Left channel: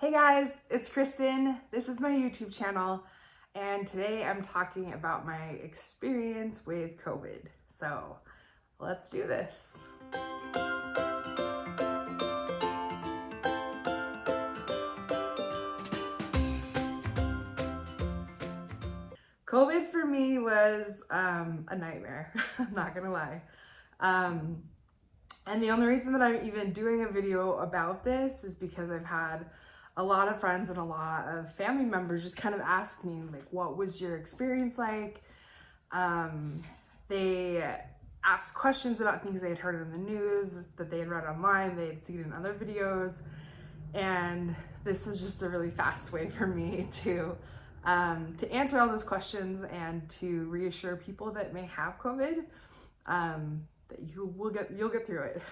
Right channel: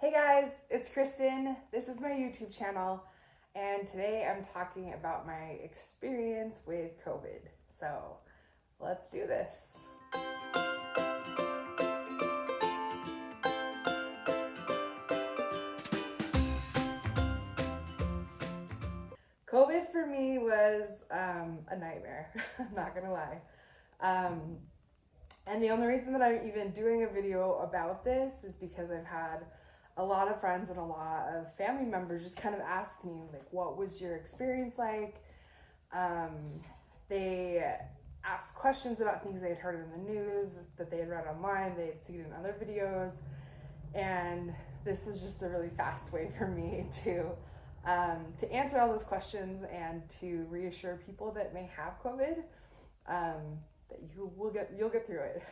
Hey guys, it's Kristen. This is my YouTube channel, and today I'm talking about my experience with COVID. So let's do this. COVID for me was a nightmare, I'm not gonna lie. And the only reason that I'm even doing a video about this is because I've had a lot of friends and a lot of family members just kind of ask me, like, what was your experience like? They asked questions about things they had heard in the news, that they had read online, they had seen in other videos. And this is just a really fast way for me to answer all those questions and to reassure people that may have COVID, that you'll get through it.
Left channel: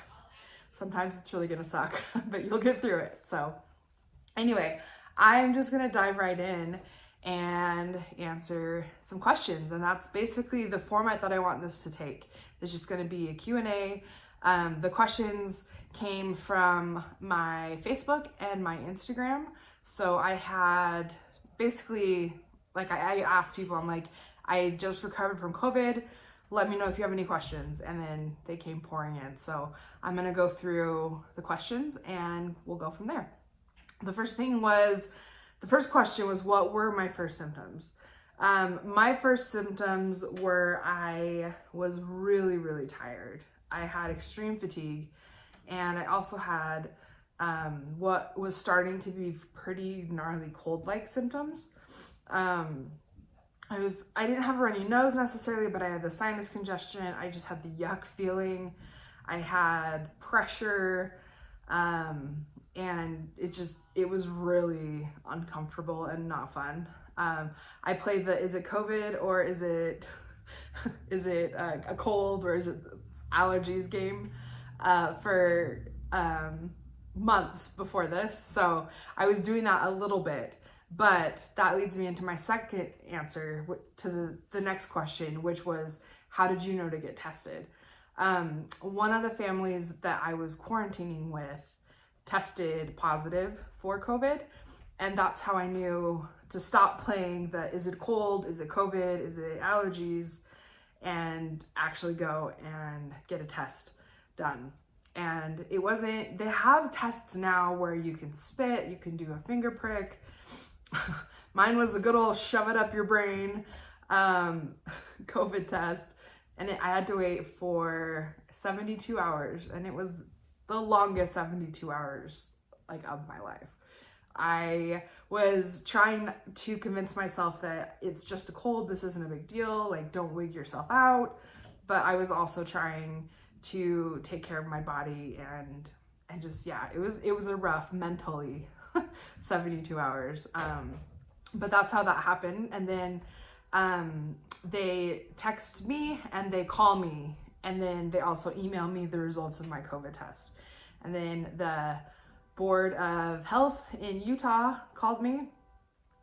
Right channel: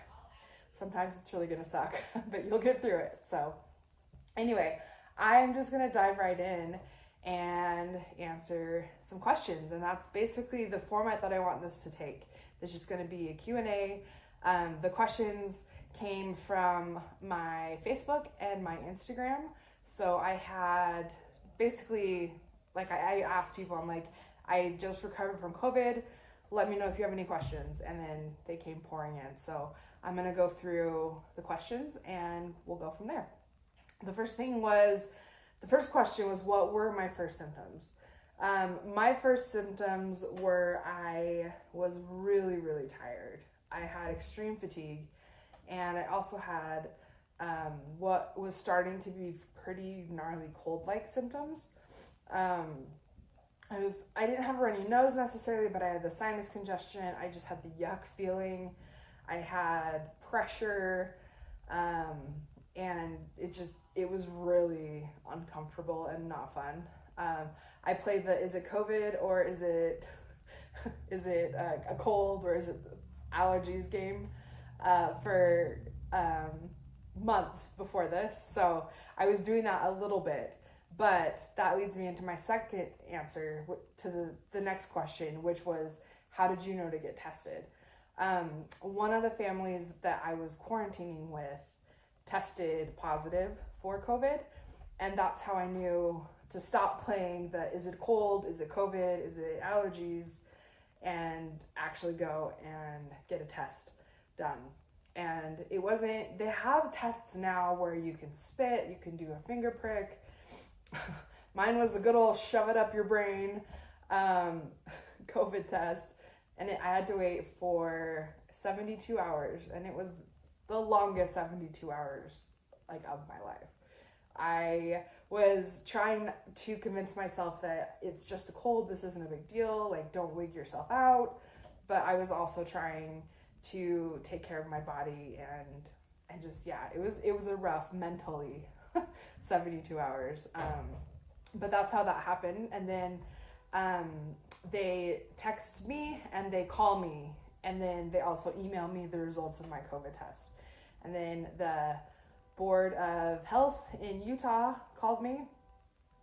Sometimes it's really gonna suck, but you'll get through it. So anyway, I'm just gonna dive right in and answer some questions. And that's basically the format that I want this to take. It's just gonna be a Q&A. The questions came from my Facebook and my Instagram. So I had basically, like, I asked people, I'm like, I just recovered from COVID. Let me know if you have any questions. And then they came pouring in. So I'm gonna go through the questions and we'll go from there. The first question was, what were my first symptoms? My first symptoms were I was really, really tired. I had extreme fatigue, and I also had what was starting to be pretty gnarly cold-like symptoms. I didn't have a runny nose necessarily, but I had the sinus congestion. I just had the yuck feeling. I had pressure, and it was really uncomfortable and not fun. I played the is it COVID or is it a cold or is it allergies game for months before this. So I was doing that a little bit, but that leads me into my second answer to the next question, which was, how did you know to get tested? One of the families that I was quarantining with tested positive for COVID, and that's how I knew to stop playing the is it cold, is it COVID, is it allergies, and actually go and get a test done. And it wasn't, they have tests now where you can spit, you can do a finger prick. Mine was the good old shove it up your brain COVID test, and I had to wait for 72 hours, and it was the longest 72 hours like of my life. I was trying to convince myself that it's just a cold, this isn't a big deal, like, don't wig yourself out. But I was also trying to take care of my body, and just, yeah, it was a rough mentally 72 hours. But that's how that happened. And then they text me and they call me, and then they also email me the results of my COVID test. And then the Board of Health in Utah called me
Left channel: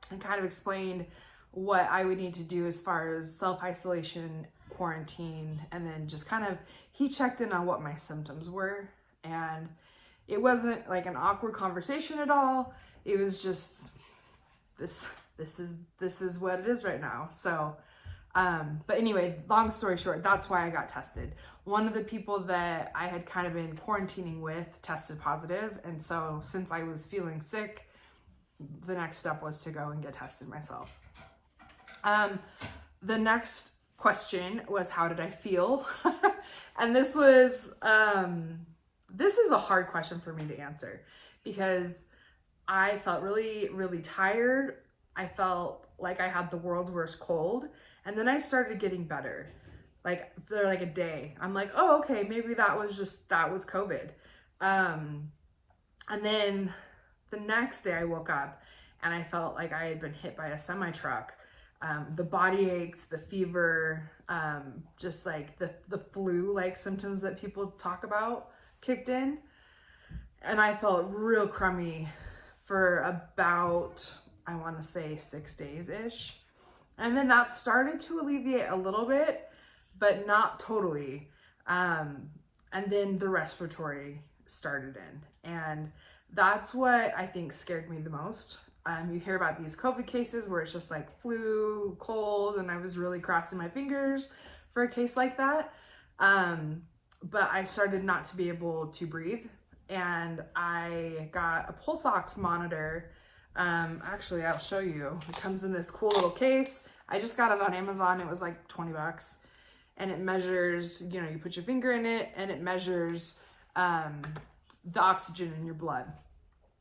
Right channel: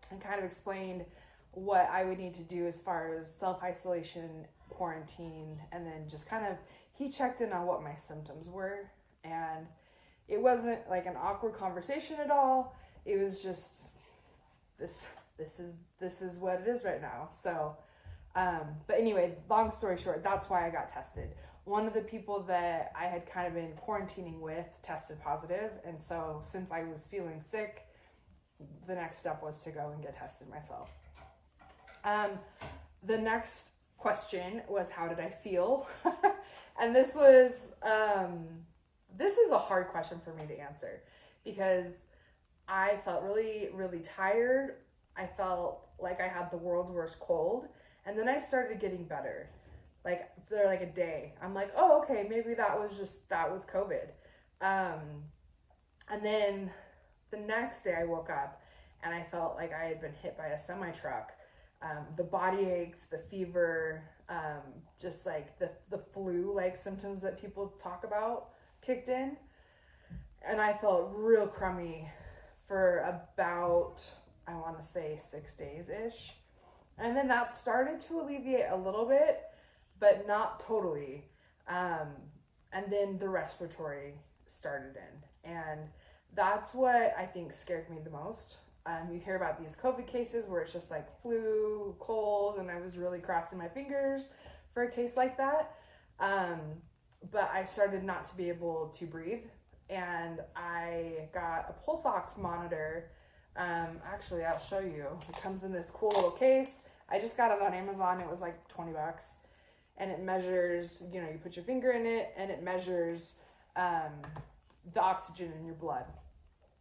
and kind of explained what I would need to do as far as self-isolation, quarantine, and then just kind of, he checked in on what my symptoms were. And it wasn't like an awkward conversation at all. It was just, this is what it is right now. So, but anyway, long story short, that's why I got tested. One of the people that I had kind of been quarantining with tested positive. And so since I was feeling sick, the next step was to go and get tested myself. The next question was, how did I feel? And this is a hard question for me to answer because I felt really, really tired. I felt like I had the world's worst cold. And then I started getting better. Like, for like a day. I'm like, oh, okay, maybe that was COVID. And then the next day I woke up and I felt like I had been hit by a semi-truck. The body aches, the fever, just like the flu-like symptoms that people talk about kicked in. And I felt real crummy for about, I want to say 6 days-ish. And then that started to alleviate a little bit, but not totally. And then the respiratory started in. And That's what I think scared me the most. You hear about these COVID cases where it's just like flu, cold, and I was really crossing my fingers for a case like that. But I started not to be able to breathe, and I got a pulse ox monitor. Actually, I'll show you. It comes in this cool little case. I just got it on Amazon. It was like 20 bucks. And it measures, you know, you put your finger in it and it measures the oxygen in your blood.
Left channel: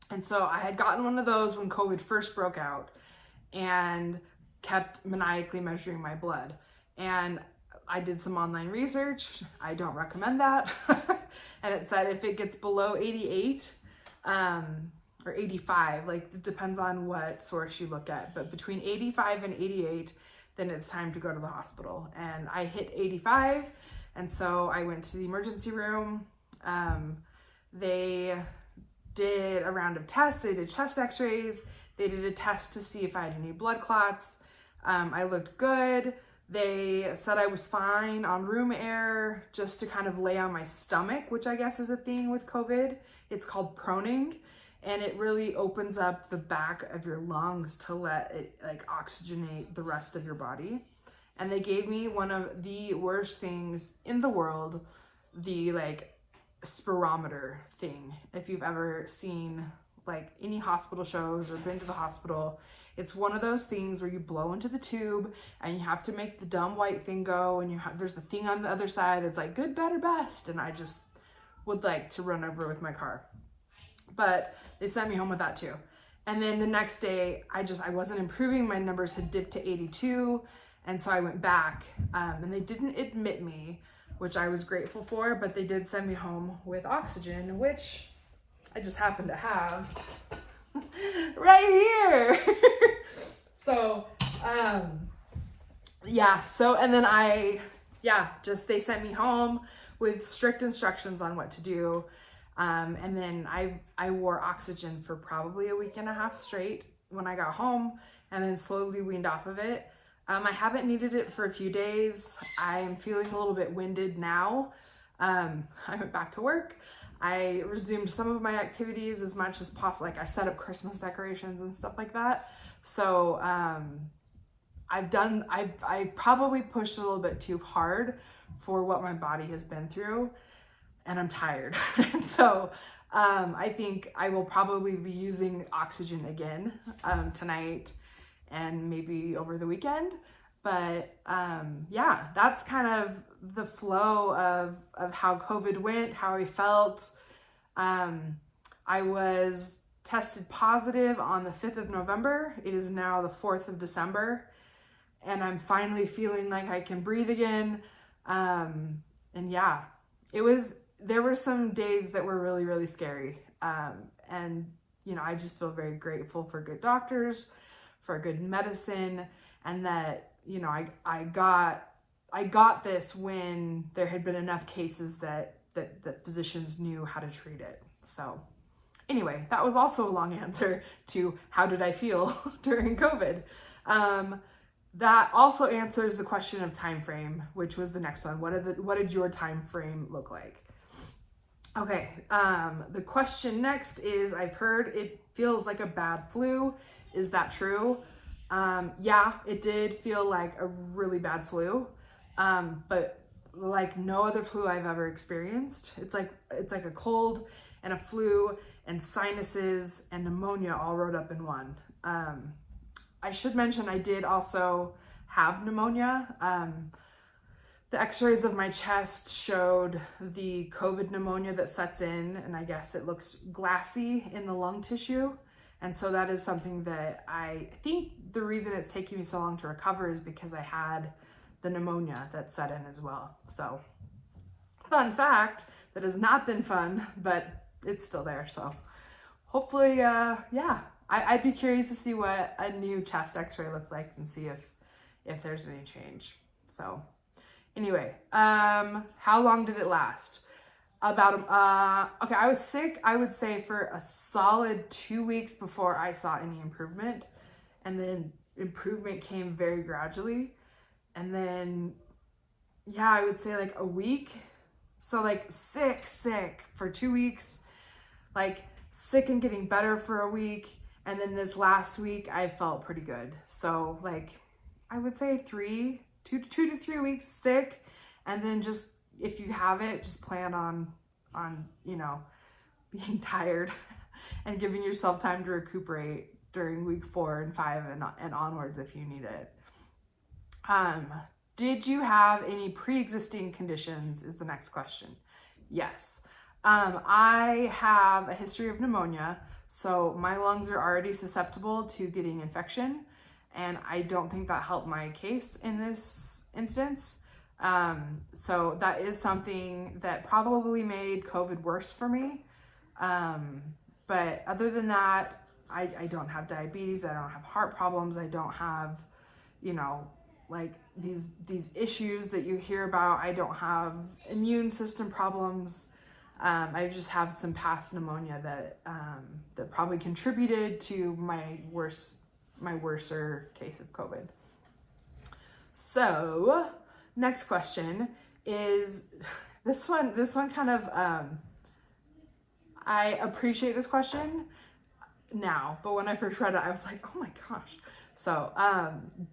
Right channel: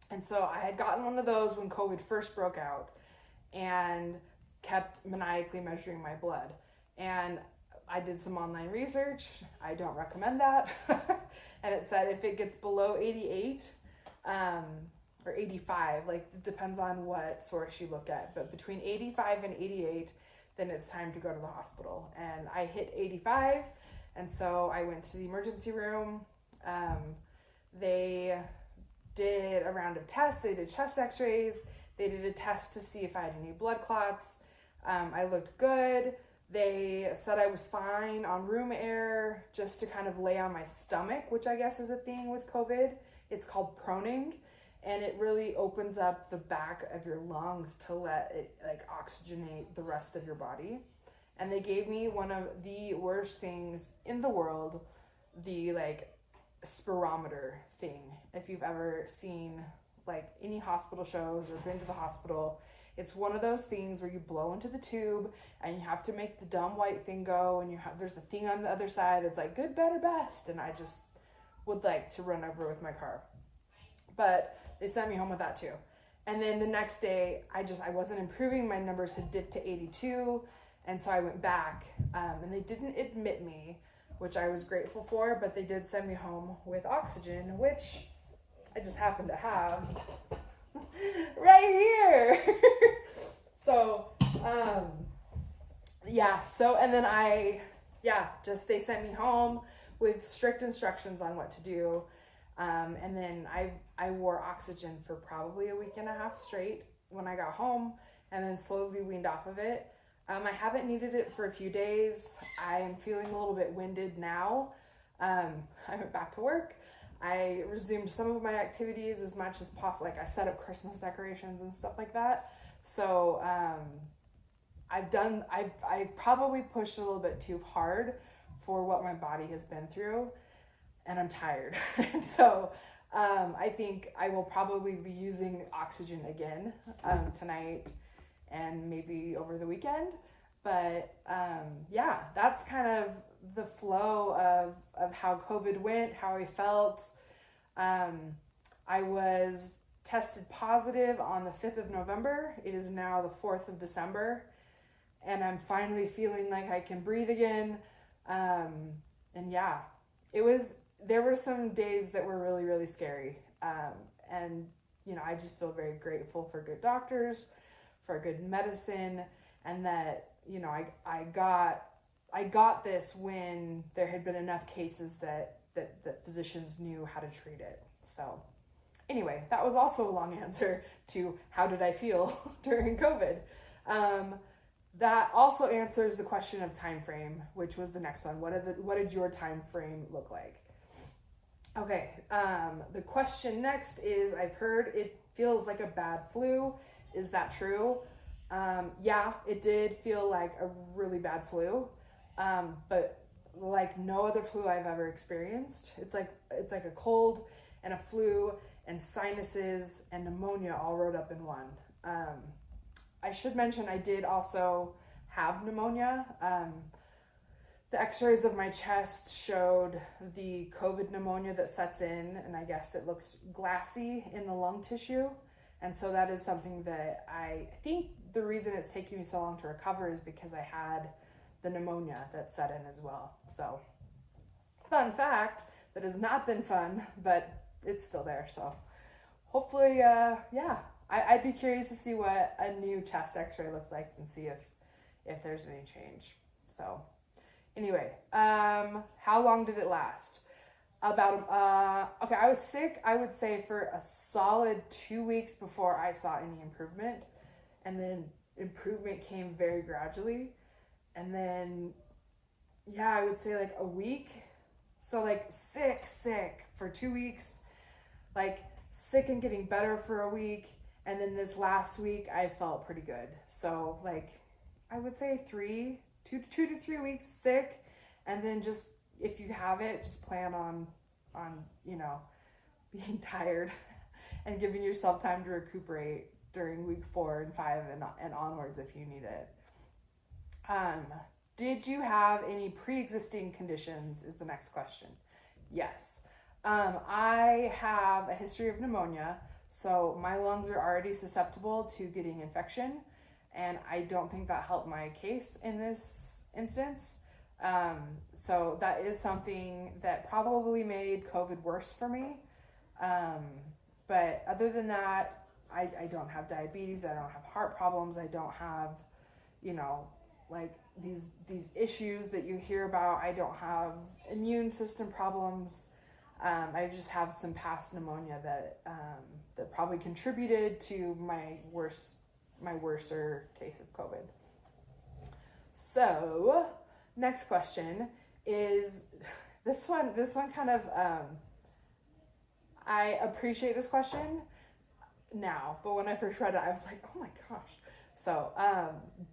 And so I had gotten one of those when COVID first broke out and kept maniacally measuring my blood. And I did some online research. I don't recommend that. And it said if it gets below 88 or 85, like it depends on what source you look at, but between 85 and 88, then it's time to go to the hospital. And I hit 85, and so I went to the emergency room. They did a round of tests. They did chest x-rays. They did a test to see if I had any blood clots. I looked good. They said I was fine on room air, just to kind of lay on my stomach, which I guess is a thing with COVID. It's called proning, and it really opens up the back of your lungs to let it like oxygenate the rest of your body. And they gave me one of the worst things in the world, the like spirometer thing. If you've ever seen like any hospital shows or been to the hospital, it's one of those things where you blow into the tube and you have to make the dumb white thing go, and there's the thing on the other side that's like good, better, best, and I just would like to run over with my car. But they sent me home with that too. And then the next day, I wasn't improving. My numbers had dipped to 82, and so I went back, and they didn't admit me, which I was grateful for, but they did send me home with oxygen, which I just happen to have right here. So, yeah. So, and then they sent me home with strict instructions on what to do. And then I wore oxygen for probably a week and a half straight when I got home, and then slowly weaned off of it. I haven't needed it for a few days. I am feeling a little bit winded now. I went back to work. I resumed some of my activities as much as possible. Like I set up Christmas decorations and stuff like that. So, I've probably pushed a little bit too hard for what my body has been through, and I'm tired. So, I think I will probably be using oxygen again, tonight and maybe over the weekend. But yeah, that's kind of the flow of how COVID went, how I felt. I was tested positive on the 5th of November. It is now the 4th of December, and I'm finally feeling like I can breathe again. And yeah, there were some days that were really, really scary. And, you know, I just feel very grateful for good doctors, for good medicine, and that, you know, I got this when there had been enough cases that physicians knew how to treat it. So anyway, that was also a long answer to how did I feel during COVID. That also answers the question of time frame, which was the next one. What did your time frame look like? Okay, the question next is, I've heard it feels like a bad flu. Is that true? Yeah, it did feel like a really bad flu, but like no other flu I've ever experienced. It's like a cold and a flu and sinuses and pneumonia all rolled up in one. I should mention I did also have pneumonia. The x-rays of my chest showed the COVID pneumonia that sets in, and I guess it looks glassy in the lung tissue. And so that is something that I think the reason it's taking me so long to recover is because I had the pneumonia that set in as well. So fun fact, that has not been fun, but it's still there. So hopefully, yeah, I'd be curious to see what a new chest x-ray looks like and see if there's any change. So anyway, how long did it last? Okay, I was sick, I would say, for a solid 2 weeks before I saw any improvement. And then improvement came very gradually. And then, yeah, I would say like a week. So like sick for 2 weeks, like sick and getting better for a week. And then this last week, I felt pretty good. So like, I would say 2 to 3 weeks sick. And then just, if you have it, just plan on, you know, being tired and giving yourself time to recuperate during week 4 and 5 and onwards if you need it. Did you have any pre-existing conditions is the next question. Yes. I have a history of pneumonia, so my lungs are already susceptible to getting infection, and I don't think that helped my case in this instance. So that is something that probably made COVID worse for me. But other than that, I don't have diabetes, I don't have heart problems, I don't have, you know, like these issues that you hear about. I don't have immune system problems. I just have some past pneumonia that probably contributed to my worser case of COVID. So next question is this one kind of, I appreciate this question now, but when I first read it, I was like, oh my gosh. So,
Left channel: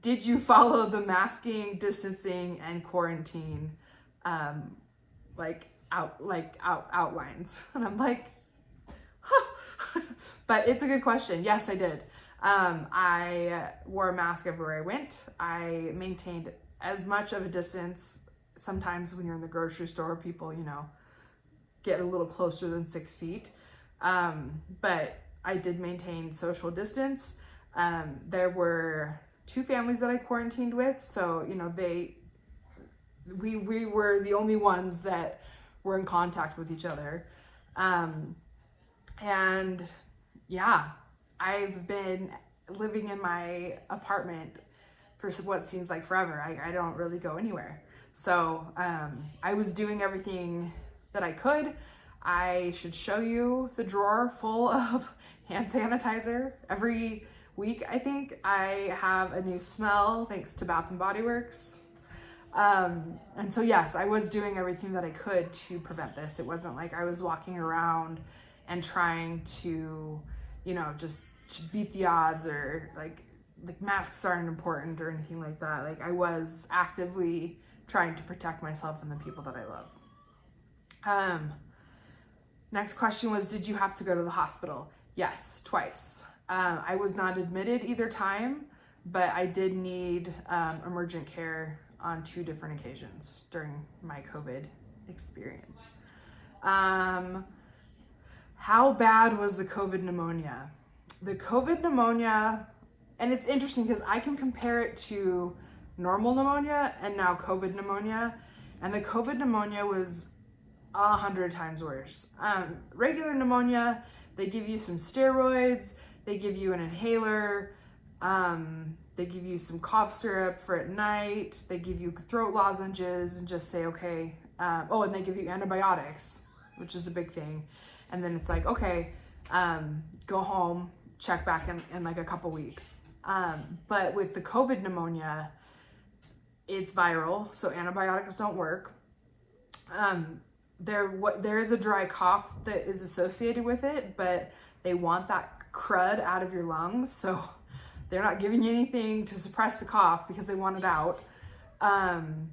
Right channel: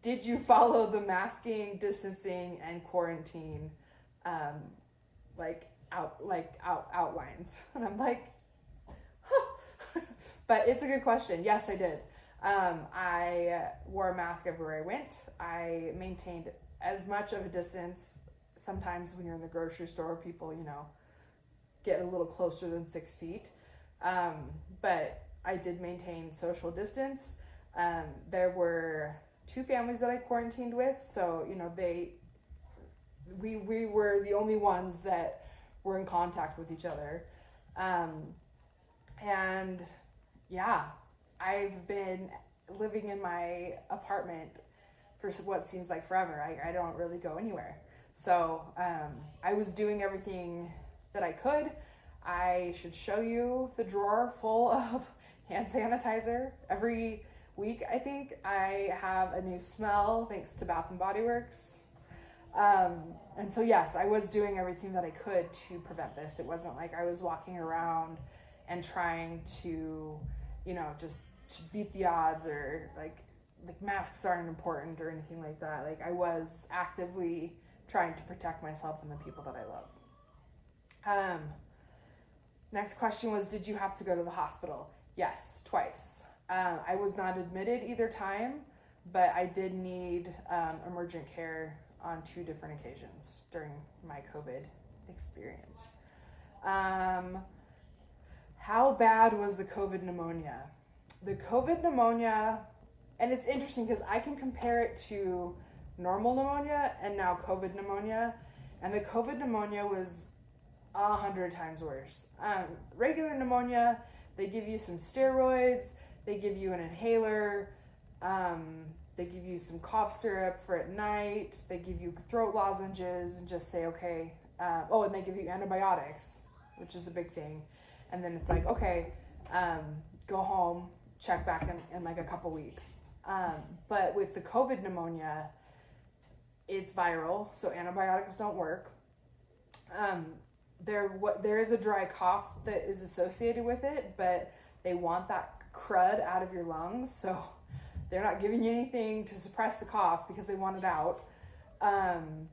did you follow the masking, distancing, and quarantine, outlines? And I'm like, huh. But it's a good question. Yes, I did. I wore a mask everywhere I went. I maintained as much of a distance. Sometimes when you're in the grocery store, people, you know, get a little closer than 6 feet. But I did maintain social distance. There were 2 families that I quarantined with, so you know we were the only ones that were in contact with each other, and yeah, I've been living in my apartment for what seems like forever. I don't really go anywhere, so I was doing everything that I could. I should show you the drawer full of hand sanitizer. Every week, I think, I have a new smell thanks to Bath and Body Works. And so yes, I was doing everything that I could to prevent this. It wasn't like I was walking around and trying to, you know, just to beat the odds, or like masks aren't important or anything like that. Like, I was actively trying to protect myself and the people that I love. Next question was, did you have to go to the hospital? Yes, twice. I was not admitted either time, but I did need emergent care on 2 different occasions during my COVID experience. How bad was the COVID pneumonia? The COVID pneumonia, and it's interesting because I can compare it to normal pneumonia and now COVID pneumonia, and the COVID pneumonia was 100 times worse. Regular pneumonia, they give you some steroids, they give you an inhaler, they give you some cough syrup for at night, they give you throat lozenges and just say, okay, and they give you antibiotics, which is a big thing. And then it's like, okay, go home, check back in like a couple weeks. But with the COVID pneumonia, it's viral, so antibiotics don't work. There is a dry cough that is associated with it, but they want that crud out of your lungs, so they're not giving you anything to suppress the cough because they want it out. I'm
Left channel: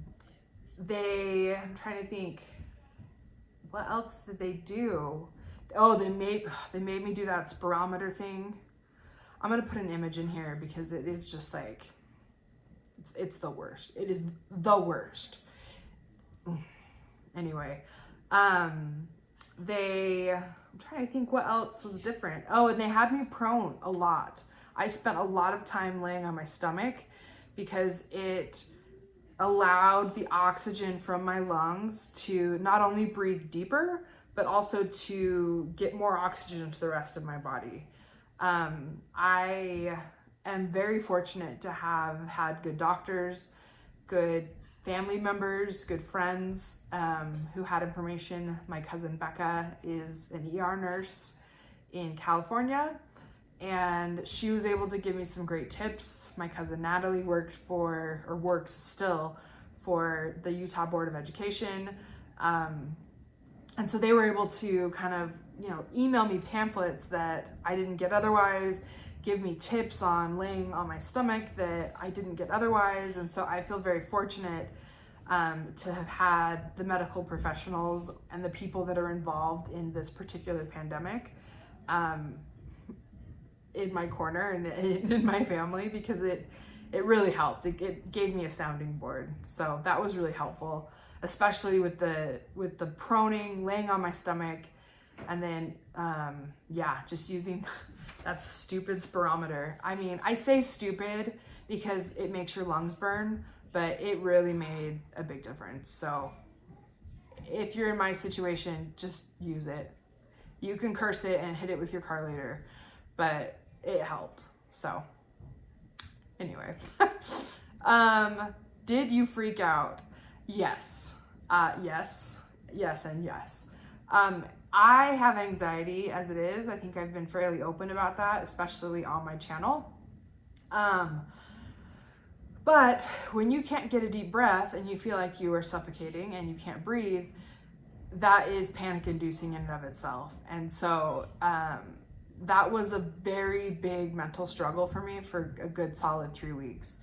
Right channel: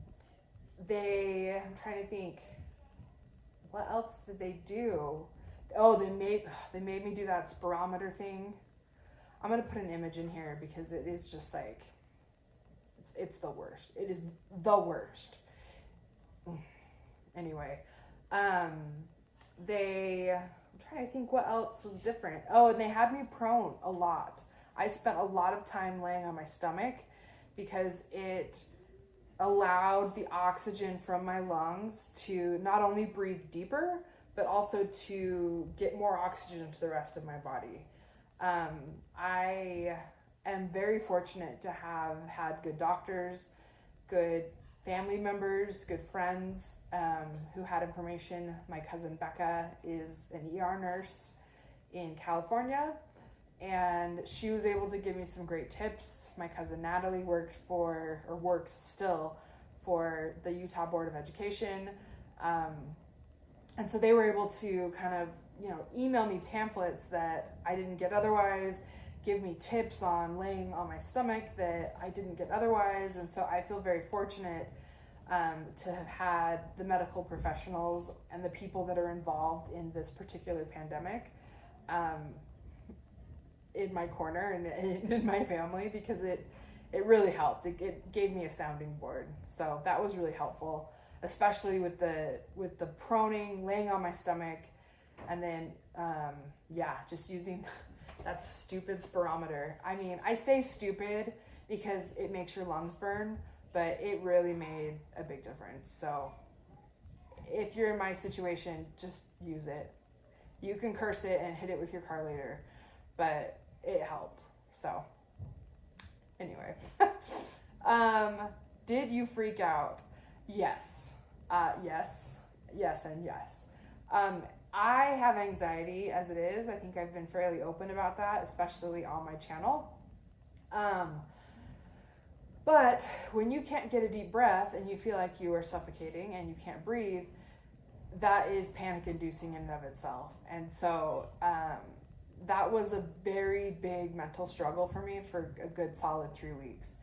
trying to think, what else did they do? Oh, they made me do that spirometer thing. I'm gonna put an image in here because it is just like, it's the worst. It is the worst. Anyway, I'm trying to think what else was different. Oh, and they had me prone a lot. I spent a lot of time laying on my stomach because it allowed the oxygen from my lungs to not only breathe deeper, but also to get more oxygen into the rest of my body. I am very fortunate to have had good doctors, good family members, good friends who had information. My cousin Becca is an ER nurse in California, and she was able to give me some great tips. My cousin Natalie works still for the Utah Board of Education. And so they were able to kind of, email me pamphlets that I didn't get otherwise, give me tips on laying on my stomach that I didn't get otherwise. And so I feel very fortunate to have had the medical professionals and the people that are involved in this particular pandemic in my corner and in my family, because it really helped. It gave me a sounding board. So that was really helpful, especially with the proning, laying on my stomach, and then just using that stupid spirometer. I mean, I say stupid because it makes your lungs burn, but it really made a big difference. So if you're in my situation, just use it. You can curse it and hit it with your car later, but it helped. So anyway, did you freak out? Yes. Yes, and yes. I have anxiety as it is. I think I've been fairly open about that, especially on my channel. But when you can't get a deep breath and you feel like you are suffocating and you can't breathe, that is panic inducing in and of itself. And so, that was a very big mental struggle for me for a good solid 3 weeks.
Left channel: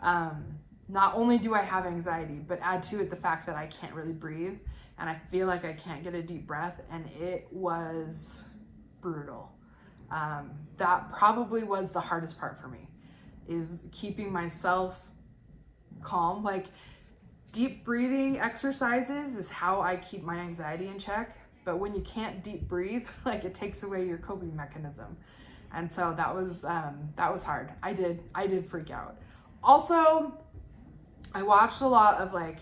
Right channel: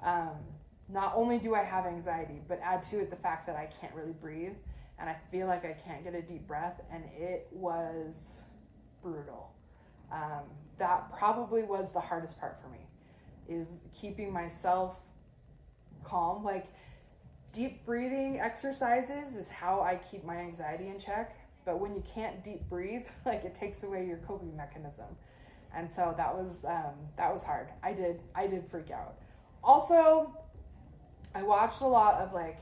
Not only do I have anxiety, but add to it the fact that I can't really breathe and I feel like I can't get a deep breath, and it was brutal. That probably was the hardest part for me, is keeping myself calm. Like, deep breathing exercises is how I keep my anxiety in check. But when you can't deep breathe, like, it takes away your coping mechanism. And so that was hard. I did freak out. Also, I watched a lot of like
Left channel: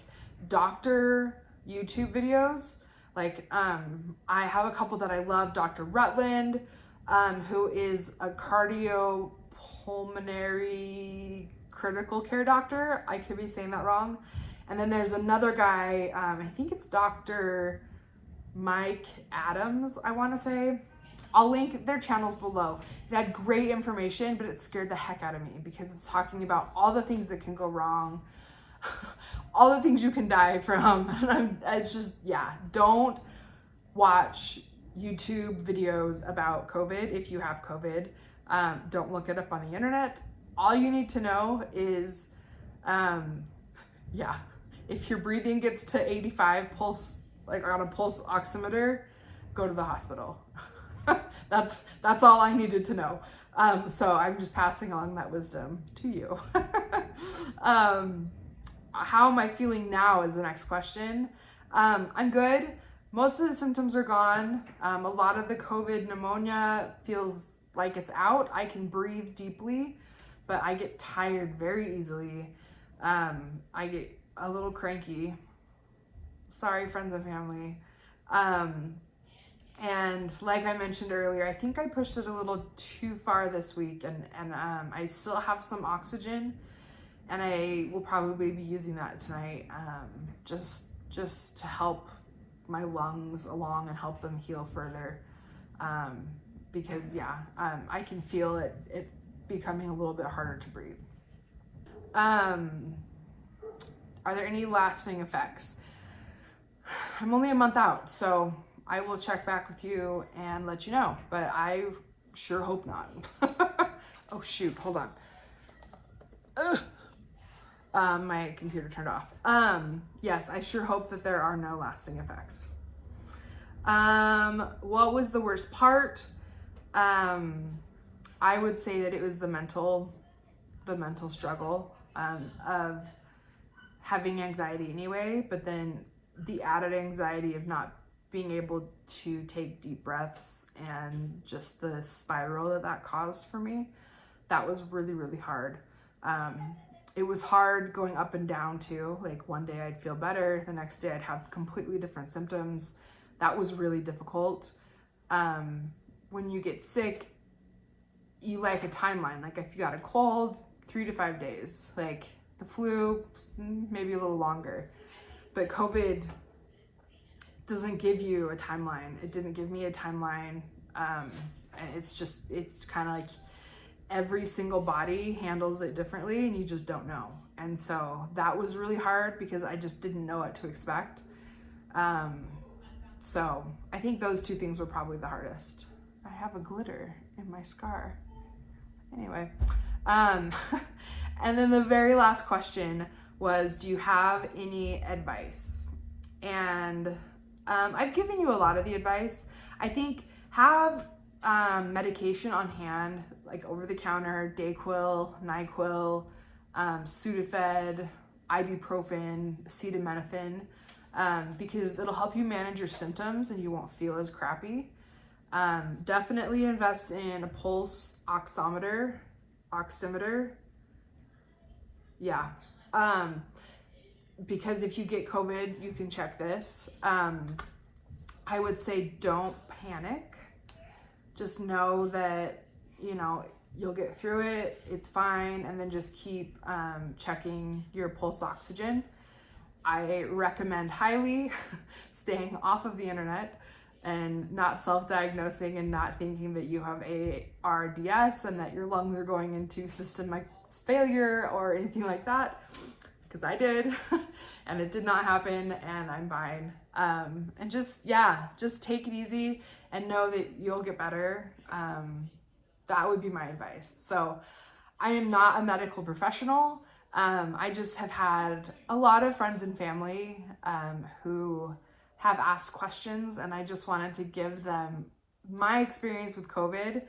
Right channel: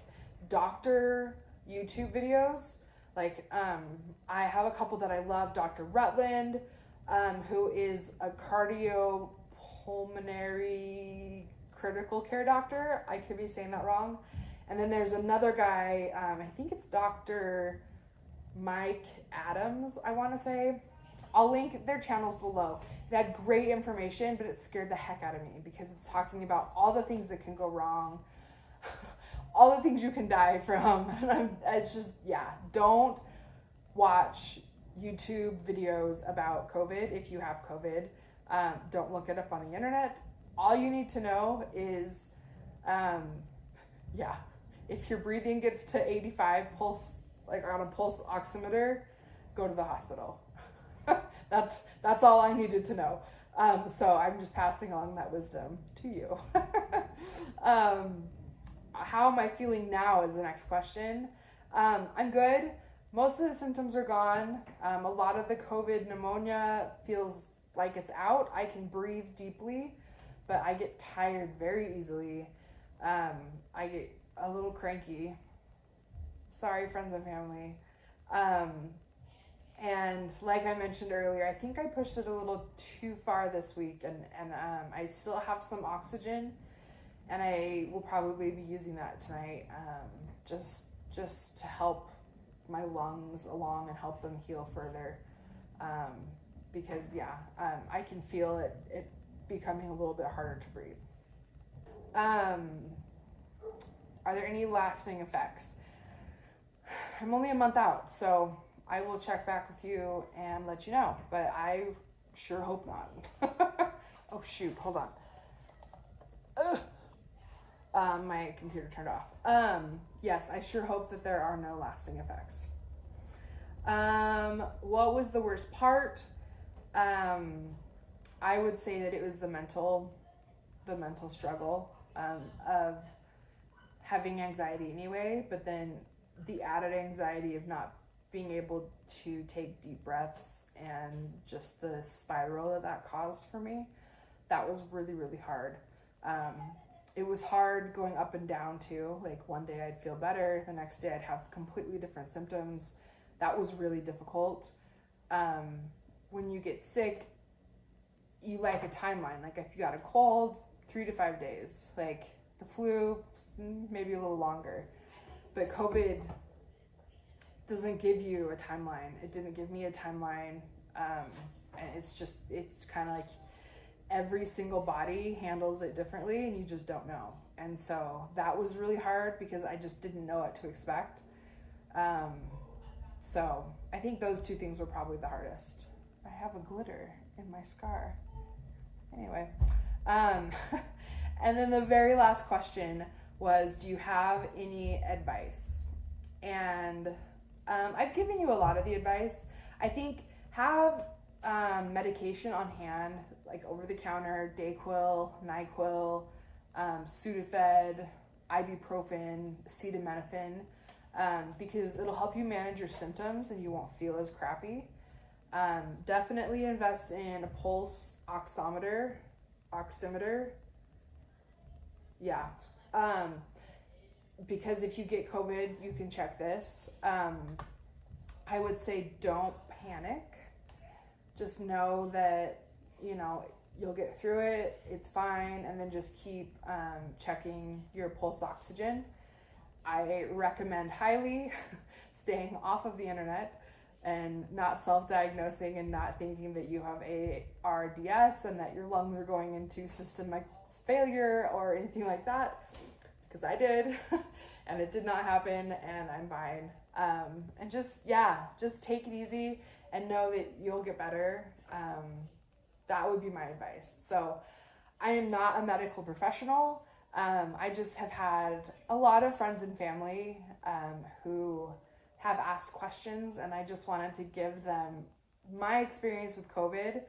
doctor YouTube videos. Like, I have a couple that I love. Dr. Rutland, who is a cardiopulmonary critical care doctor. I could be saying that wrong. And then there's another guy, I think it's Dr. Mike Adams, I want to say. I'll link their channels below. It had great information, but it scared the heck out of me because it's talking about all the things that can go wrong, all the things you can die from. It's just, don't watch YouTube videos about COVID if you have COVID. Don't look it up on the internet. All you need to know is, if your breathing gets to 85 pulse, like on a pulse oximeter, go to the hospital. That's all I needed to know. So I'm just passing along that wisdom to you. How am I feeling now is the next question. I'm good. Most of the symptoms are gone. A lot of the COVID pneumonia feels like it's out. I can breathe deeply, but I get tired very easily. I get a little cranky. Sorry, friends and family. And like I mentioned earlier, I think I pushed it a little too far this week, and I still have some oxygen, and I will probably be using that tonight, just to help my lungs along and help them heal further. Because I can feel it becoming a little bit harder to breathe. Are there any lasting effects? I'm only a month out, so I will check back with you and let you know, but I sure hope not. Oh shoot, hold on. My computer turned off. Yes, I sure hope that there are no lasting effects. What was the worst part? I would say that it was the mental struggle of having anxiety anyway, but then the added anxiety of not being able to take deep breaths and just the spiral that caused for me. That was really, really hard. It was hard going up and down too. Like, one day I'd feel better, the next day I'd have completely different symptoms. That was really difficult. When you get sick, you like a timeline. Like, if you got a cold, 3 to 5 days. Like, the flu, maybe a little longer. But COVID doesn't give you a timeline. It didn't give me a timeline. And it's kind of like every single body handles it differently, and you just don't know. And so that was really hard because I just didn't know what to expect. So I think those two things were probably the hardest. I have a glitter in my scar. Anyway, and then the very last question was, do you have any advice? And I've given you a lot of the advice. I think have medication on hand, like over the counter, Dayquil, NyQuil, Sudafed, ibuprofen, acetaminophen, because it'll help you manage your symptoms and you won't feel as crappy. Definitely invest in a pulse oximeter. Yeah. Because if you get COVID, you can check this. I would say don't panic. Just know that, you know, you'll get through it. It's fine. And then just keep checking your pulse oxygen. I recommend highly staying off of the internet and not self-diagnosing and not thinking that you have ARDS and that your lungs are going into systemic failure or anything like that, because I did and it did not happen and I'm fine. And just take it easy and know that you'll get better. That would be my advice. So I am not a medical professional. I just have had a lot of friends and family who have asked questions, and I just wanted to give them my experience with COVID,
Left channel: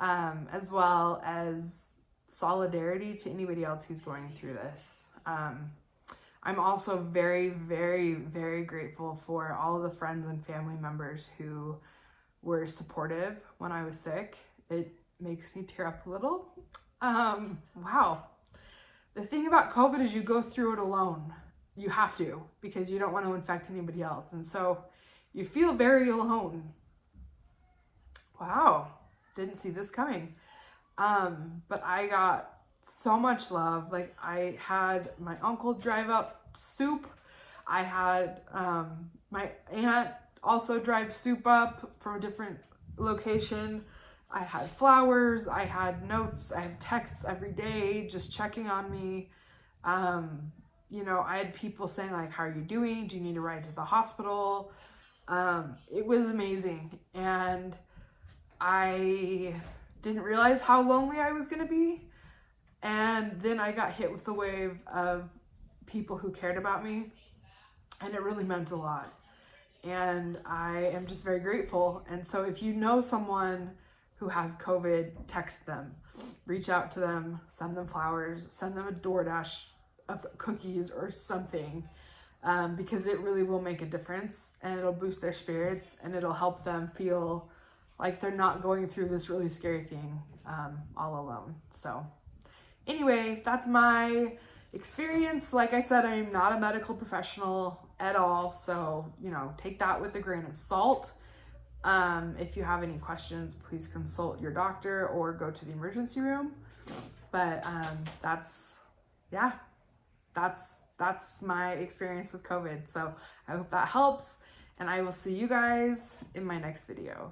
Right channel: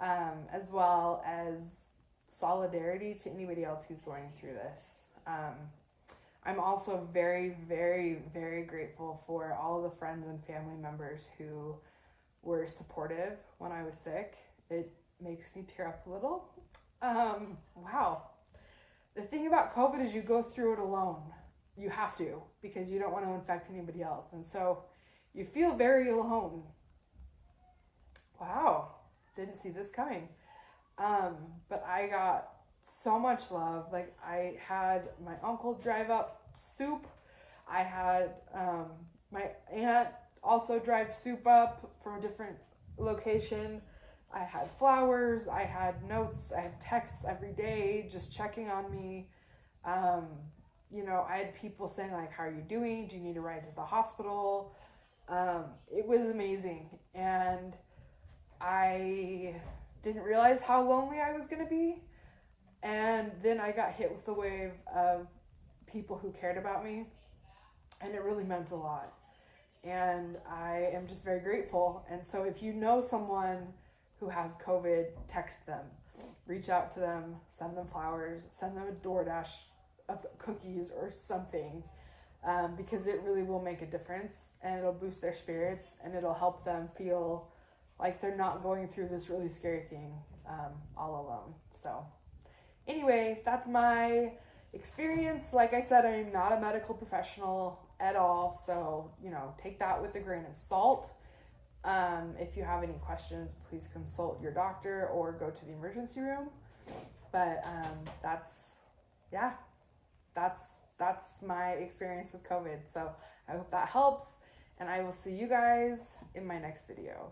as well as solidarity to anybody else who's going through this. I'm also very, very, very grateful for all of the friends and family members who were supportive when I was sick. It makes me tear up a little. Wow. The thing about COVID is you go through it alone. You have to, because you don't want to infect anybody else. And so you feel very alone. Wow. Didn't see this coming. But I got so much love. Like, I had my uncle drive up soup. I had my aunt also drive soup up from a different location. I had flowers, I had notes, I had texts every day just checking on me. You know, I had people saying like, how are you doing? Do you need a ride to the hospital? It was amazing. And I didn't realize how lonely I was gonna be. And then I got hit with the wave of people who cared about me, and it really meant a lot. And I am just very grateful. And so if you know someone who has COVID, text them, reach out to them, send them flowers, send them a DoorDash of cookies or something, because it really will make a difference, and it'll boost their spirits, and it'll help them feel like they're not going through this really scary thing all alone. So anyway, that's my experience. Like I said, I am not a medical professional at all, so, you know, take that with a grain of salt. If you have any questions, please consult your doctor or go to the emergency room. But that's my experience with COVID. So I hope that helps, and I will see you guys in my next video.